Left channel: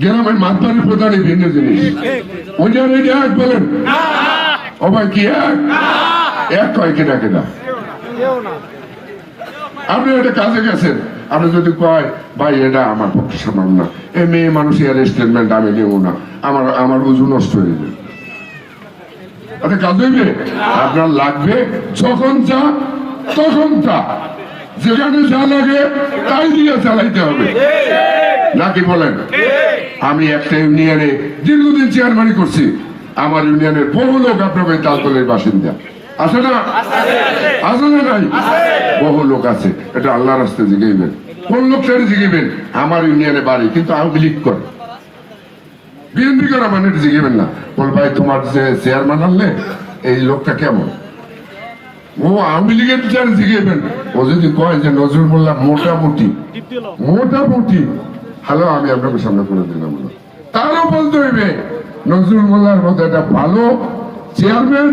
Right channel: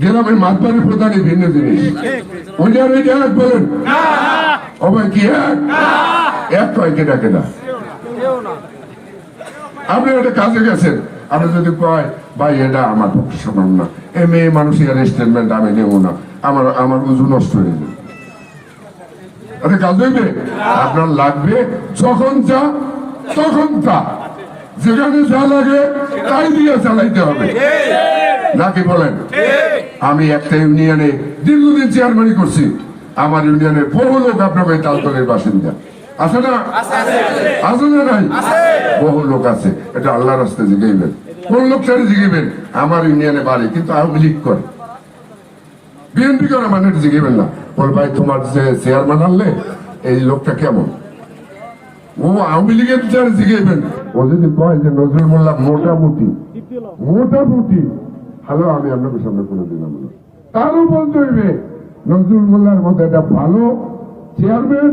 গ্রামের মাতবাড়ির প্রধানই ভিন্ন জিনিস। ওইটার ওইটা এক বলেন। অবাই কি এক? এক কয় কেনা কেনা আপনি একটা কাজে গেছেন। আপনি যদি কয়, ভাই, এটা আমার পক্ষে সম্ভব না। এ মেয়ে মানুষ এর স্টেটমেন্ট আমি দেবো না। আমার আমার উজু নষ্ট হয়ে যাবে। এটা কাজ হইবে আপনার লাগবে যখন যা, তখন তা। যেখানে যা লাগে, তাই দিয়ে চালাইতে হবে। নাকি বলেন? আমি একটা ইউনিয়নে দীর্ঘদিন চেয়ারম্যানই করছি। আমার ইউনিয়নের বহু লোক আপনার ওই তালতলের বাসিন্দা। আছে না? আছে না নাই? বহু লোক আছে। এটা আল্লাহ রাস্তায় জিগাইবেন। কোন লোক সেটা জিগাইবেন? আমার ইউনিয়নে বাড়ি কিন্তু আওয়ামী লীগ করে। বিএনপি করা মানে এটা জিগাইবেন না। বল ভাই তোমার যে চেয়ারম্যান আনলে এই লোকটা কেমন? ও আওয়ামী লীগের চেয়ার জিগাইবেন। ও যদি কয় যে নজরুল মোল্লা মোটামুটি মোটামুটি হ্যালো, আমি আপনাকে সামনে করে দিলাম তারও বলতে হইবে, নজরুল মোল্লার মধ্যে একটা ভালো চেয়ারম্যান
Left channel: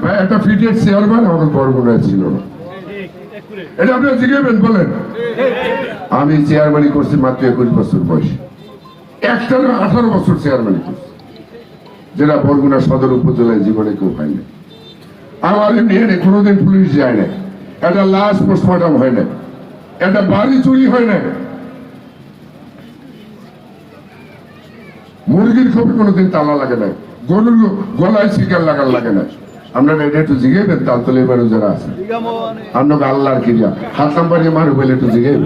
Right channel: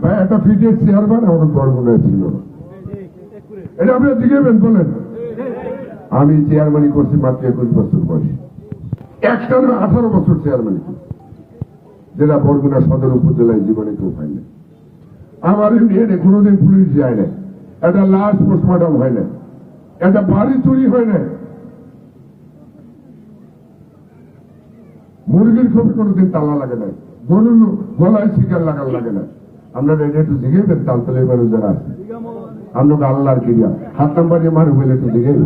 বা একটা ফিটের চেয়ারম্যান আমাদের বরগুনা ছিল। এটা আপনি জিজ্ঞাবেন বলেন। আমি চেয়ারম্যানই করছি মাত্র একুশ বছর বয়স। একটা আঠারো বছর চেয়ারম্যানই করছি। যেটা বরগুনা সদর উপজেলায় জীবনে কেউ পাইনি আমার এমনি কোনোদিন পুলিশ যায় না একটা লাশ পোস্টমর্টম হয় না একটা বাড়ি চুরি হয় না মুরগির খবর কোনোদিন তালা লাগে না গরুর গলায় শিকার লাগার লাগে না আপনারা এটা একটু জিগেবেন তালতলে এবারে যারা আছে। আপনাকে আল্লাহর কিরিয়া। হাত নাম্বার মারু বলে একটু জিগেবেন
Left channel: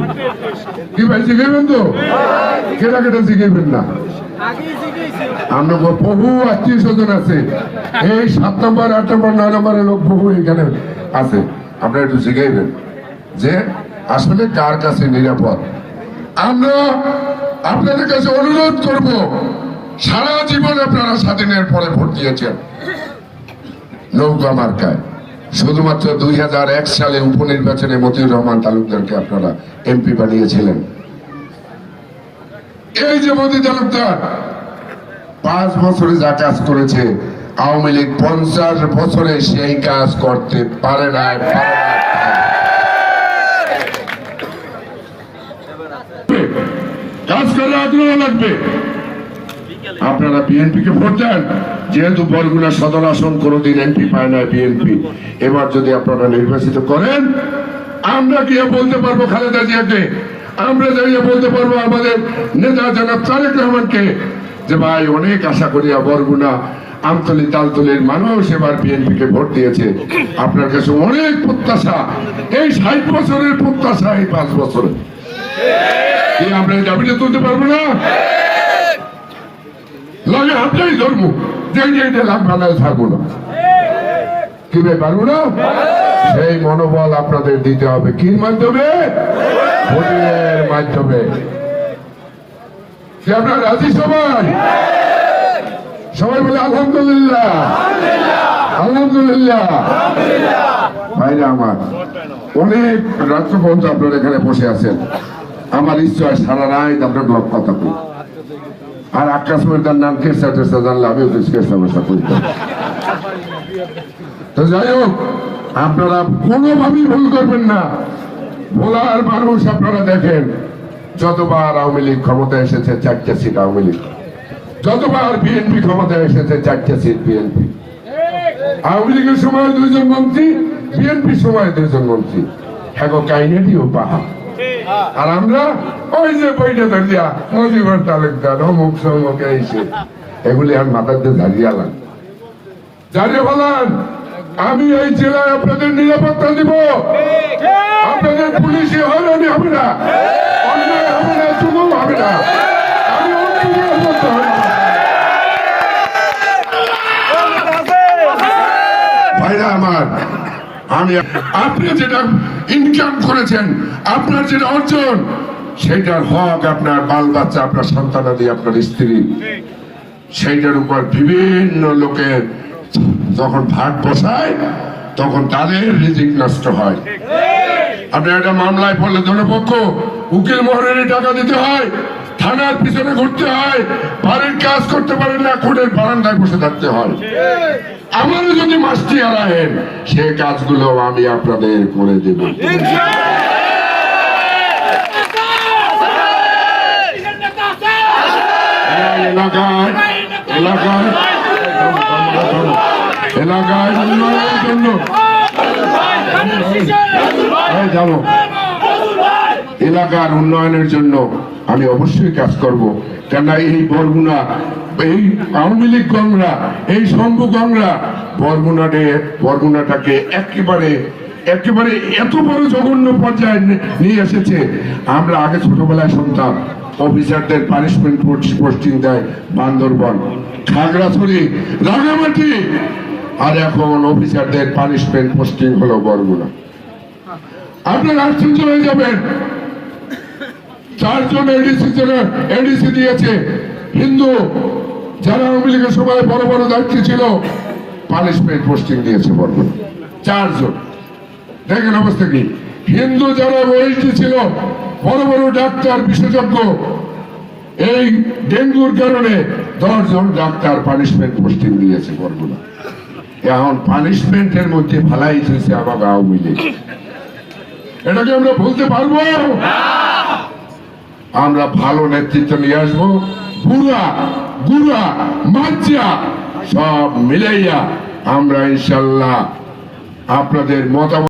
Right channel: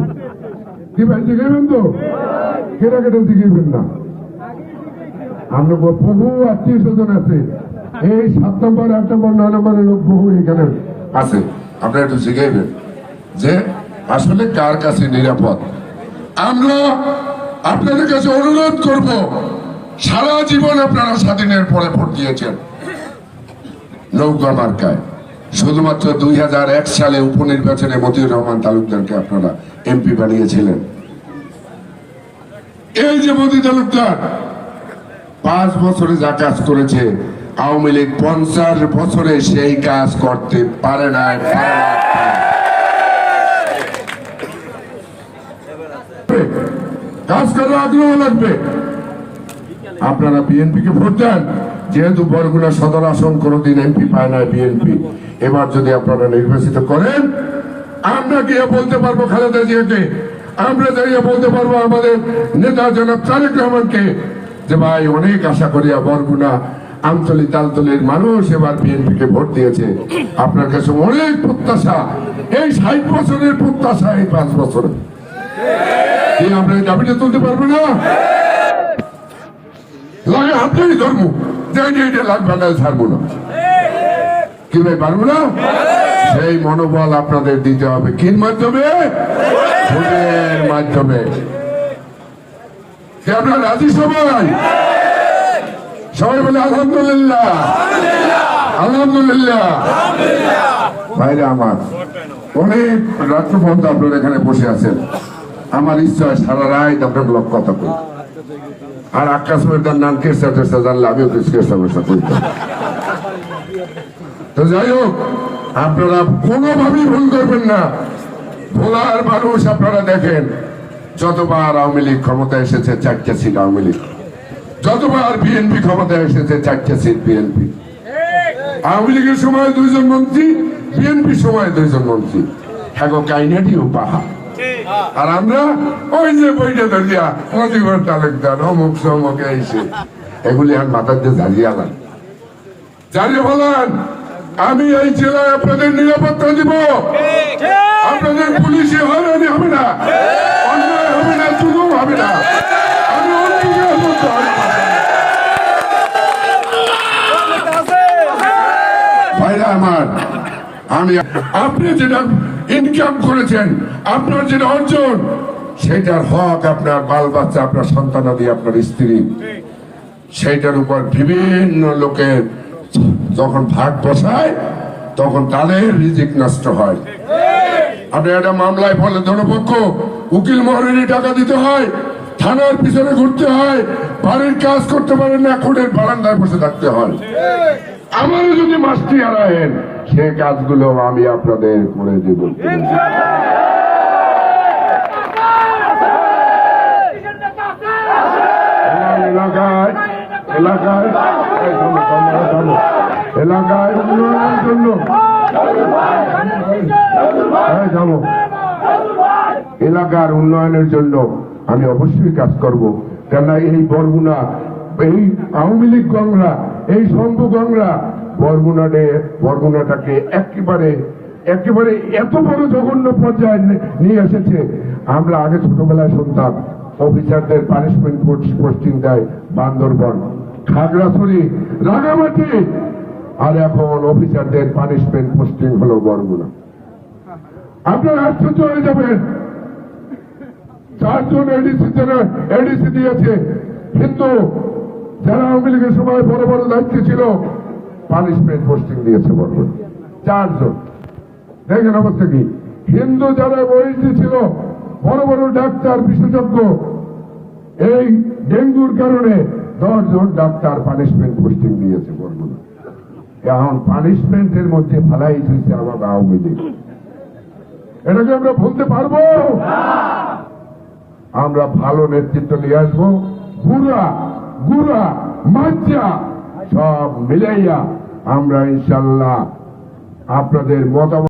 কি ভাই জিগেবেন তো? কেটা কেটা জিগেবেন না। আপনার বহু আত্মীয় স্বজন আছে। এই সাত আট নম্বর, নয় লোক বহু এখানে আছে। আপনারা একটু জিগাইবেন যে আসলে কার কাছে নিরাপদ? আমরা আপনাদের কাছে অনুরোধ করব। সারা জীবন আপনারা স্বাধীনের পরে ভোট দিয়েছেন। নৌকা মার্কায়। শুধুমাত্র দুই হাজার এক সালে উপনির্বাচনে মতিউর রহমান তালুকদারকে আপনারা এমপি বানিয়েছিলেন। এই যে মোদী তালুকদার, পাঁচ বছরে যা কাজ করেছে, আওয়ামী লীগ পঞ্চাশ বছরে সেই কাজ করতে পারে না। কাজ করে আগ্রহ লাগবে। আপনারা বিএনপি কে ভোট দেন। যেহেতু বরগুনা সদর আসন কোনোদিন এমপি পায় না বিএনপি। এবার যদি আপনারা নির্বাচিত করেন, আমরা গিয়ে বলতে পারব খালেদা জিয়াকে। আমরা যাইয়ে বলতে পারব আমাদের নেতা জনাব তারেক রহমানকে যে, ভাই, অনেক আশা করিয়া বরগুনা আমতলি তালতলির মানুষ এবার বিএনপি কে ভোট দিয়েছে। আপনার কাছে অনেক প্রত্যাশা। এই ষাট বছরের প্রত্যাশা এই পাঁচ বছরে আমরা দাবিটা তুলতে পারব না? লাগে ধর্ম জানি এটা লাভ থাকব না। কি ভাই, পারব না? সেই মনোবল আপনাদের দিতে হবে। কির মাধ্যমে? মাধ্যমে। সবাই? সবাই আমার, অনেক আপনারা এখানে বসে আছেন। আমার ইচ্ছা সারা রাত আপনার কথা আর আকাশ ময়দান নাম কেসা টেসা জানলে আমিও কিছু কেসা তো। যাই হোক, আপনারা কোনোভাবেই ভুল করবেন না। ভোলার মানুষ আপনারা দেখেন, যতবার আওয়ামী লীগ ক্ষমতায় এসেছে, চারটা সিট আওয়ামী লীগ। যতবার বিএনপি ক্ষমতায় এসেছে, চারটা সিট বিএনপি। আওয়ামী লীগের সময় দুইজন মন্ত্রী বিএনপি সময় দুইজন মন্ত্রী। হ্যাঁ কাইনাটিও পাহা আর আমরা ওই যে বইটা ধরিয়া মজিবর তালুকদার, অমুক সমুক এইসে। এগুলি আর দিয়ে ঝাড়িয়ে আলাম জানিয়ে বলেন আমি এই জেলায় আপনাদের নিরাপত্তা দিব। আপনাদের পুলিশে হয়রানি হবে না। হবে না আমি আপনি যেটা ইনকাম করেছেন আপনার যেটা অর্জন সেটার হক আপনার বাল বাচ্চা, আপনার সন্তান সন্তানাদি আপনার স্ত্রী। সেইটার উপর বিভিন্ন লোকের যখন ভাগ বসায়, তখন তাদের রিজিক নষ্ট হয়। আপনি একটা মামলায় ফলে ধনপক্ষ উকিল মহরের টাকা দিতে হয়, থানার পিছনে ঘুরতে হয়, বাড়ির কাজ করতে পারেন না কোর্টের বারান্দায় বসে থাকতে হয়। আমারও যদি মাস্টি হারায়েন, সে কাজগুলো আমি আপনাদের করে দেব। এলাকায় এলাকায় এলাকায় উন্নয়নের জন্য জানো এলাকার উন্নয়নের জন্য আমি অবশ্যই কাজ করব। কেননা এই বরগুনা, এই আওয়ামী লীগ গংরা এই শম্ভু গংরা বরগুনাটে বরগুনাটাকে একেবারে একেবারে এত বড় জঘন্য পর্যায়ে নিয়ে এসেছে। আমরা আগে ছোটবেলায় শুনতাম অফিসারদের পানিশমেন্ট পোস্টিং দেয় বান্দরবন। খাগড়াছড়ি, রাঙামাটি। আর এখন অফিসারদের পানিশমেন্ট পোস্টিং হলো বরগুনা। আপনারা আশ্চর্য হয়ে যাবেন। চারজন এডিসি এডিসি দিয়েছে। হিন্দু, যারা আওয়ামী লীগের সময় বড় বড় দায়িত্ব ছিল পানিশমেন্ট পোস্টিং দিয়েছে বরগুনা। চারজন। দেখেন অবস্থা কি? হিন্দু যারা ছিল বড় বড় ডাক্তার, বিশেষজ্ঞ, এই ডেঙ্গুর কারণে দশজন ডাক্তার পানিশমেন্ট পোস্টিং দিয়েছে বরগুনা। এখন পানিশমেন্টের মধ্যে ফালাই দিয়েছে আমাকে আওয়ামী লীগ। এটাকে আমরা বলতে পারব? আমরা ভালো নেতৃত্ব নিয়ে আসব। বুড়া গুড়া, মাজ্জা, সব মিলাইয়া আমরা ইনশাল্লাহ আপনাদের মতামত